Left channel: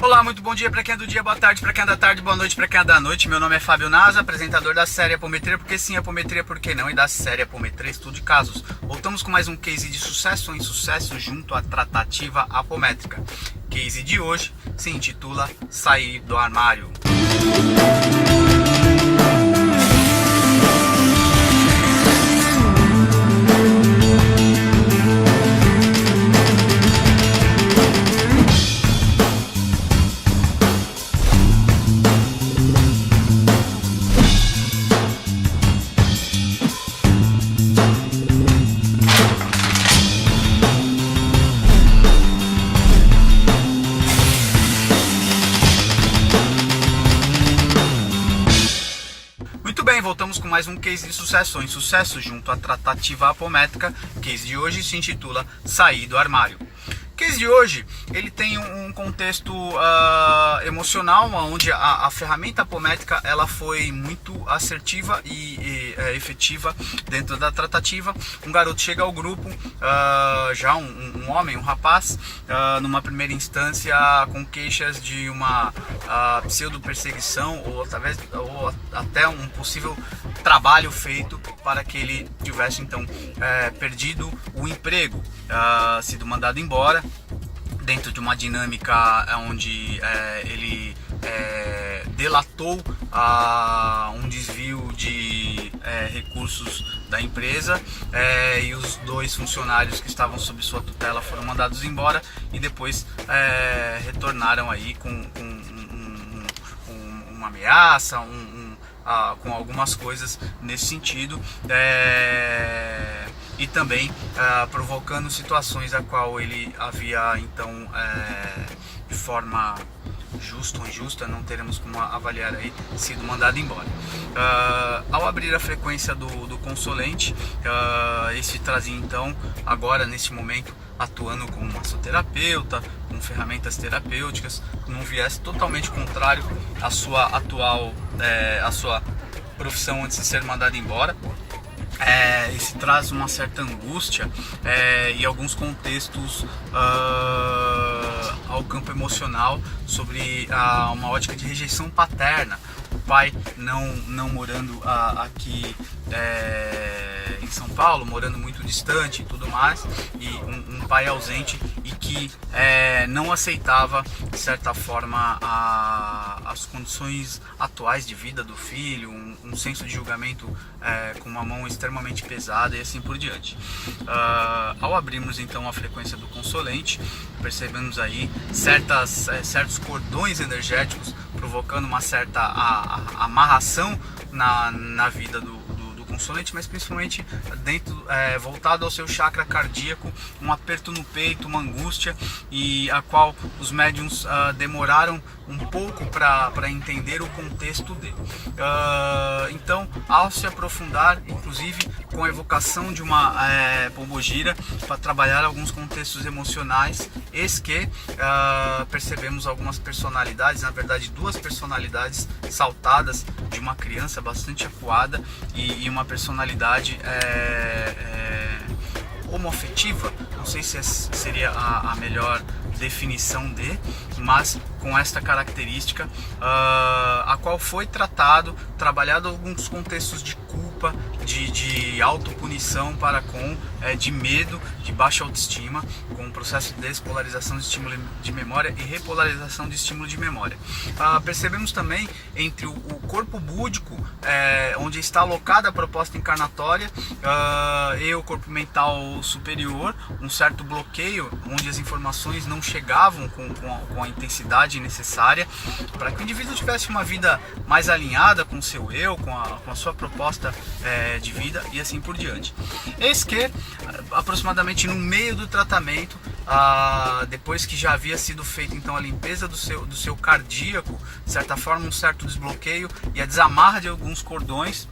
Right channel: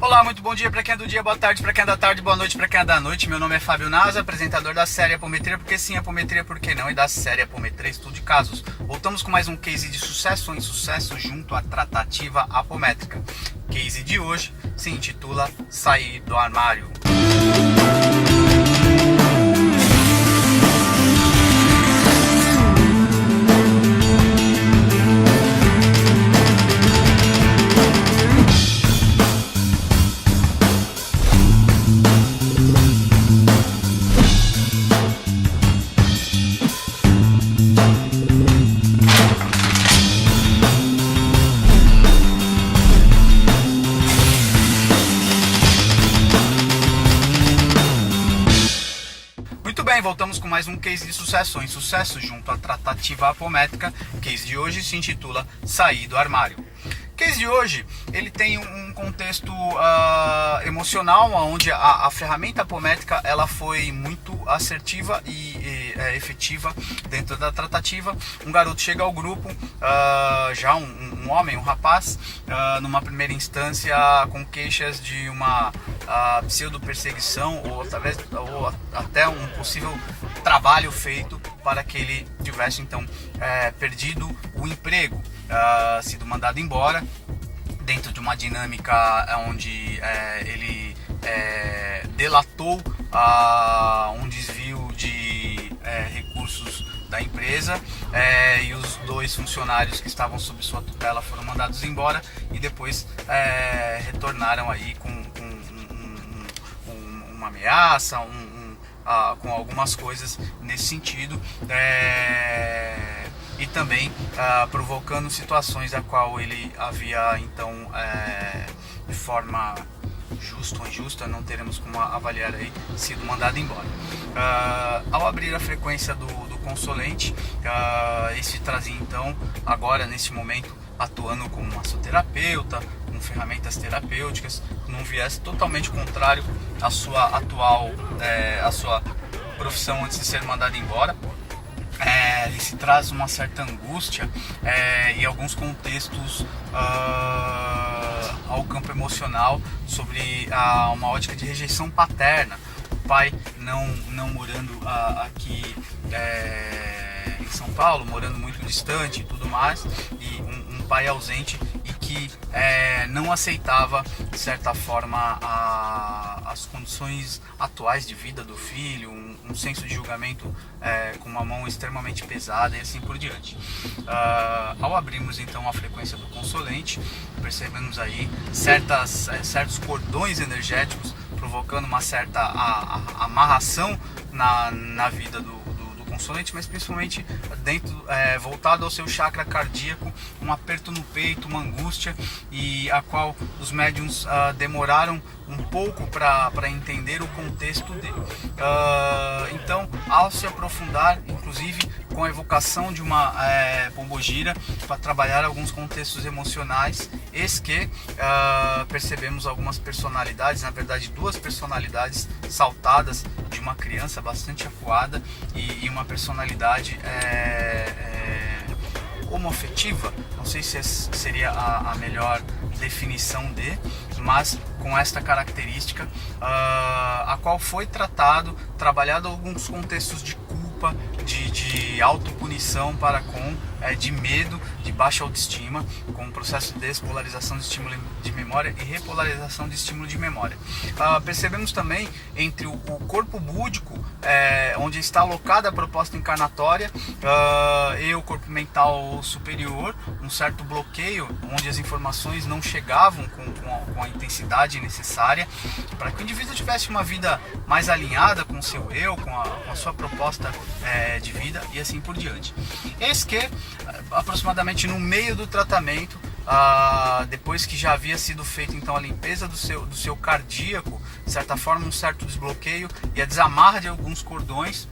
Olá, muito bom dia para quem é do dia, boa tarde para quem é da tarde, boa noite para quem é da noite. Meu nome é Fábio Nasa, apresentador da série Apometria, porque sim, Apometria, por que não? E da série Apometria, estudo de casos. Voltamos com mais um case de sucesso ou insucesso junto à tratativa apométrica. Case de hoje se intitula Sair do Armário. Muito bem, voltamos com mais um case de sucesso ou insucesso junto à tratativa apométrica. Case de hoje se intitula Sair do Armário. Case de hoje, ele tem um contexto emocional, onde a ferramenta apométrica ela foi muito assertiva e efetiva dentro da tratativa. Um garoto chega ao grupo, já um homem, um rapaz, numa primeira instância com queixas de uma pseudo-perseguição ou até um possível trabalho feito para que ele tivesse então perdido o emprego, sido mandado embora, dentro de uma dinâmica onde ele delatou um desvio de recursos da empresa, e os dois funcionários que estavam sob sua tutela foram mandados embora e depois retornaram aí com uma ameaça, com algumas coisas nesse sentido, e também provocando situações a qual ele havia então, de forma justa ou injusta, não teremos como avaliar aí, sido mandado embora. Ao abrir a frequência do consulente, esse trazia então, agora neste momento, atuando como massoterapeuta, com ferramentas terapêuticas, com um viés totalmente contrário à sua atual, à sua profissão antes de ser mandado embora. Isso traz uma certa angústia e alguns contextos ao campo emocional sobre uma ótica de rejeição paterna. O pai não morando aqui em São Paulo, morando muito distante e tudo mais, e um pai ausente e que não aceitava, de certa forma, as condições atuais de vida do filho, um senso de julgamento com uma mão extremamente pesada e assim por diante. Ao abrirmos então a frequência do consulente, percebemos aí certos cordões energéticos provocando uma certa amarração na vida do consulente, mas principalmente voltado ao seu chakra cardíaco, um aperto no peito, uma angústia, e a qual os médiums demoraram um pouco para entender o contexto dele. Então, ao se aprofundar, inclusive com a evocação de uma pombogira para trabalhar alguns contextos emocionais, eis que percebemos algumas personalidades, na verdade duas personalidades saltadas de uma criança bastante acuada e uma personalidade homoafetiva, não sei se seria a melhor definição mas com esta característica, a qual foi trabalhado alguns contextos de culpa, de autopunição de medo, de baixa autoestima, com o processo de despolarização de estímulo de memória e repolarização de estímulo de memória. Percebemos também entre o corpo búdico, onde está alocada a proposta encarnatória, e o corpo mental superior, um certo bloqueio, onde as informações não chegavam com a intensidade necessária para que o indivíduo tivesse uma vida mais alinhada com o seu eu, com a sua proposta de vida e assim por diante. Eis que, aproximadamente no meio do tratamento, depois que já havia sido feita então a limpeza do seu cardíaco, de certa forma um certo desbloqueio e a desamarra de alguns cordões,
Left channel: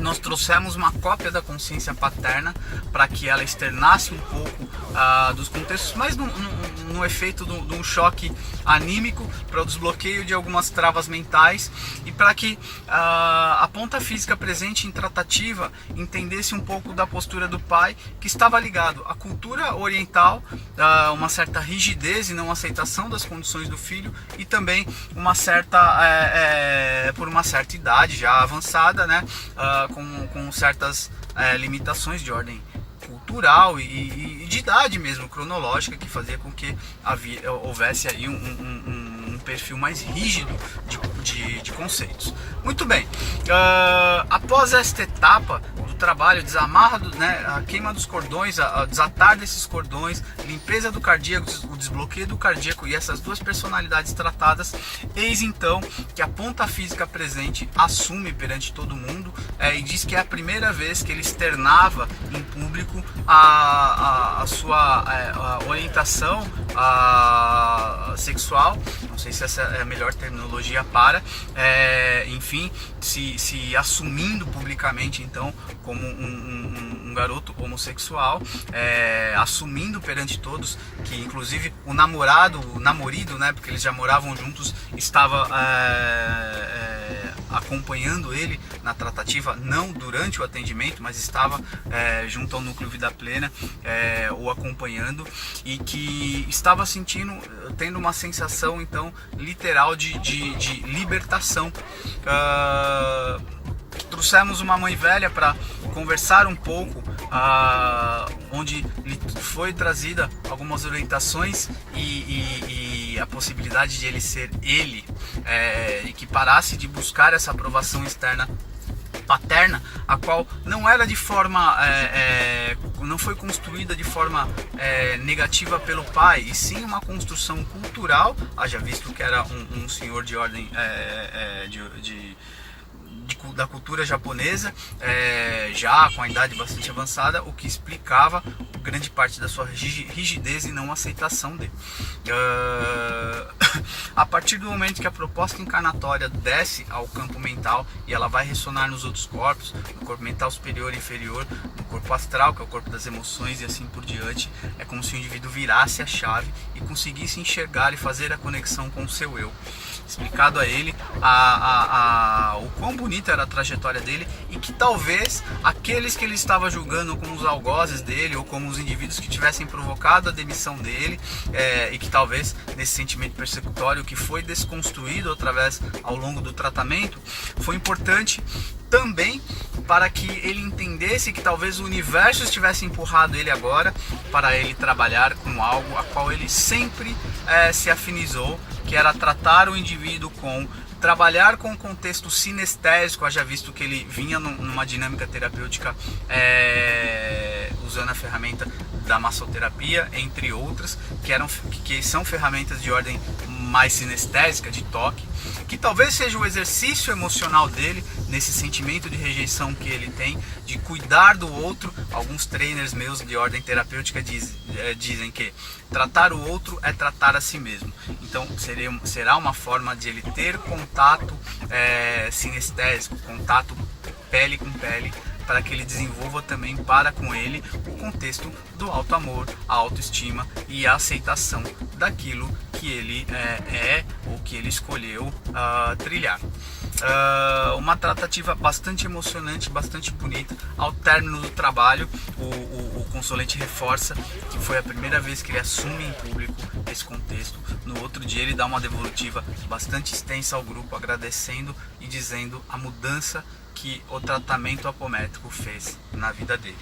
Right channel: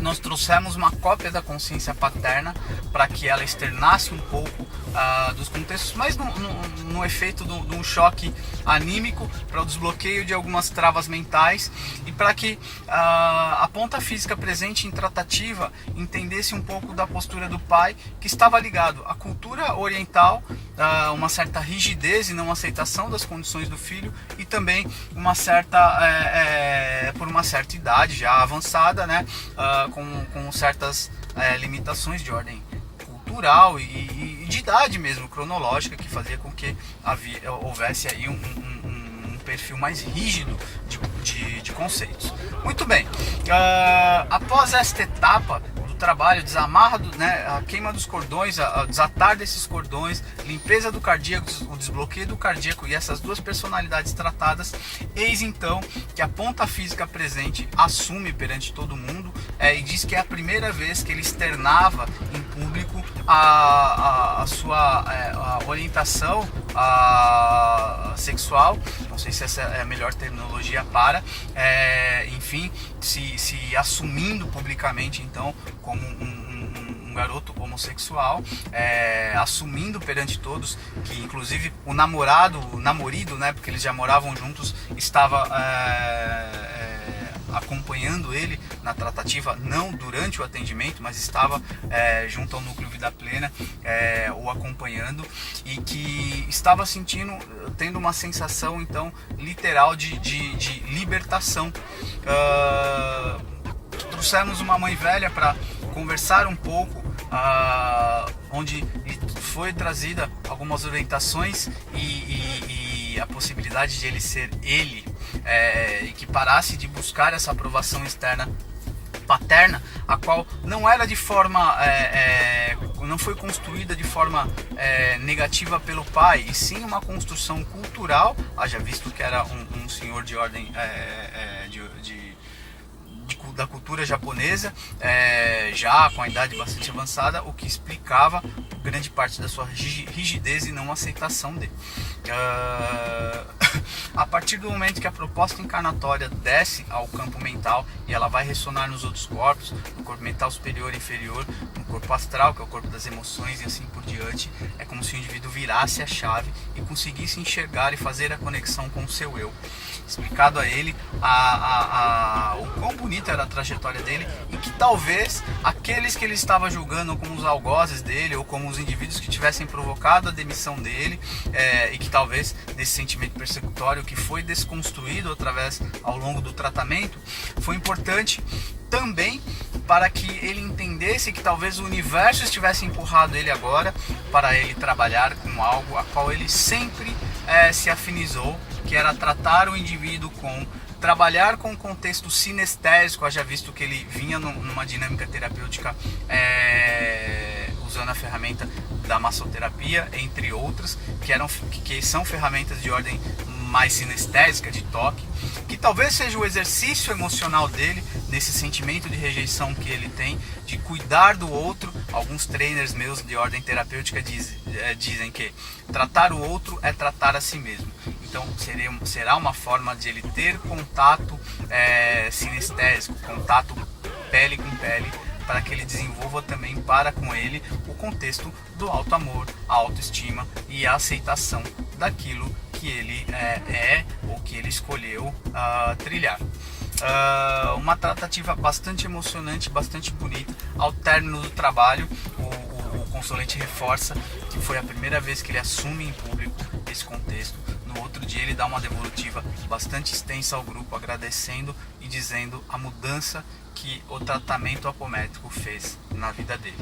nós trouxemos uma cópia da consciência paterna para que ela externasse um pouco dos contextos, mas no efeito de um choque anímico, para o desbloqueio de algumas travas mentais e para que a ponta física presente em tratativa entendesse um pouco da postura do pai, que estava ligado à cultura oriental, uma certa rigidez e não aceitação das condições do filho, e também uma certa por uma certa idade já avançada, né, com certas limitações de ordem cultural e de idade mesmo, cronológica, que fazia com que houvesse aí um perfil mais rígido de conceitos. Muito bem, após esta etapa do trabalho, desamarra, a queima dos cordões, a desatar desses cordões, limpeza do cardíaco, o desbloqueio do cardíaco e essas duas personalidades tratadas, eis então que a ponta física presente assume perante todo mundo e diz que é a primeira vez que ele externava em público a sua orientação sexual. Não sei se essa é a melhor terminologia para, enfim, se assumindo publicamente então como um garoto homossexual, assumindo perante todos que inclusive o namorido, né, porque eles já moravam juntos, estava acompanhando ele na tratativa, não durante o atendimento, mas estava junto ao núcleo Vida Plena, o acompanhando, e que estava tendo uma sensação então literal de libertação. Trouxemos uma mãe velha para conversar um pouco, onde lhe foi trazida algumas orientações e a possibilidade de ele ser ele, e que parasse de buscar essa aprovação externa paterna, a qual não era de forma não foi construída de forma negativa pelo pai, e sim uma construção cultural, haja visto que era um senhor de ordem da cultura japonesa, já com a idade bastante avançada, o que explicava grande parte da sua rigidez e não aceitação dele. A partir do momento que a proposta encarnatória desce ao campo mental e ela vai ressonar nos outros corpos, no corpo mental superior e inferior, no corpo astral, que é o corpo das emoções, e assim por diante, é como se o indivíduo virasse a chave e conseguisse enxergar e fazer a conexão com o seu eu. Explicado a ele o quão bonita era a trajetória dele, e que talvez aqueles que ele estava julgando como os algozes dele, ou como os indivíduos que tivessem provocado a demissão dele, e que talvez nesse sentimento persecutório que foi desconstruído através ao longo do tratamento, foi importante também para que ele entendesse que talvez o universo estivesse empurrado ele agora para ele trabalhar com algo a qual ele sempre se afinizou, que era tratar o indivíduo trabalhar com o contexto sinestésico, haja visto que ele vinha numa dinâmica terapêutica usando a ferramenta da massoterapia, entre outras, que são ferramentas de ordem mais sinestésica, de toque, que talvez seja o exercício emocional dele, nesse sentimento de rejeição que ele tem, de cuidar do outro. Alguns trainers meus de ordem terapêutica dizem que tratar o outro é tratar a si mesmo. Então será uma forma de ele ter contato sinestésico, contato pele com pele, para que ele desenvolva também para com ele o contexto do alto amor, a autoestima e a aceitação daquilo que ele ou que ele escolheu trilhar. Uma tratativa bastante emocionante, bastante bonita. Ao término do trabalho, o consulente reforça que foi a primeira vez que ele assume em público esse contexto. No outro dia ele dá uma devolutiva bastante extensa ao grupo, agradecendo e dizendo a mudança que o tratamento apométrico fez na vida dele.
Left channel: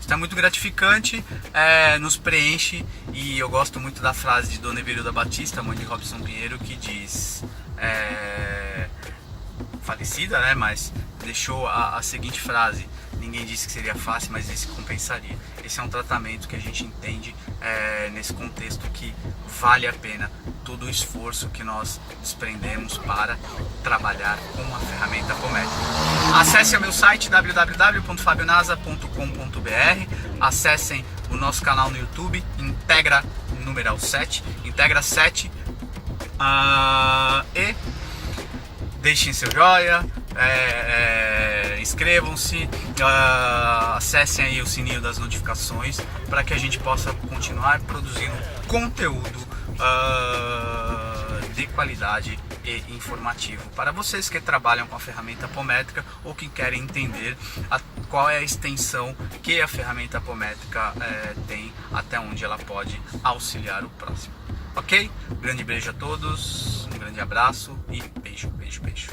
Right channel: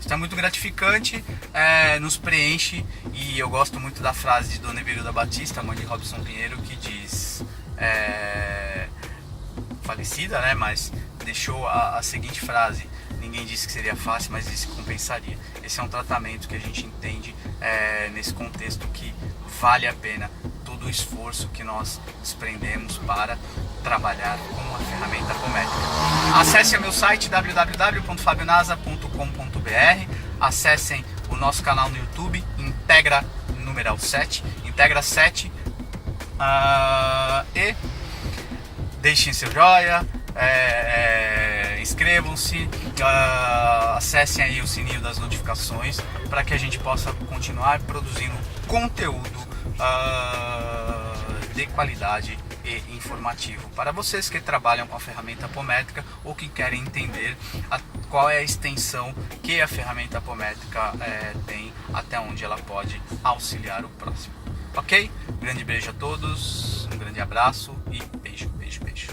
Isso é muito gratificante, nos preenche, e eu gosto muito da frase de Dona Everilda Batista, mãe de Robson Pinheiro, que diz, falecida, né, mas deixou a seguinte frase: ninguém disse que seria fácil, mas disse que compensaria. Esse é um tratamento que a gente entende nesse contexto que vale a pena todo o esforço que nós desprendemos para trabalhar com a ferramenta apométrica. Acesse o meu site www.fabionasa.com.br, acessem o nosso canal no YouTube, Integra numeral 7, Integra 7, e deixem seu joia, inscrevam-se, acessem aí o sininho das notificações para que a gente possa continuar produzindo conteúdo de qualidade e informativo para vocês que trabalham com a ferramenta Apométrica ou que querem entender qual é a extensão que a ferramenta Apométrica tem, até onde ela pode auxiliar o próximo. Ok? Grande beijo a todos, um grande abraço e beijo, beijo, beijo.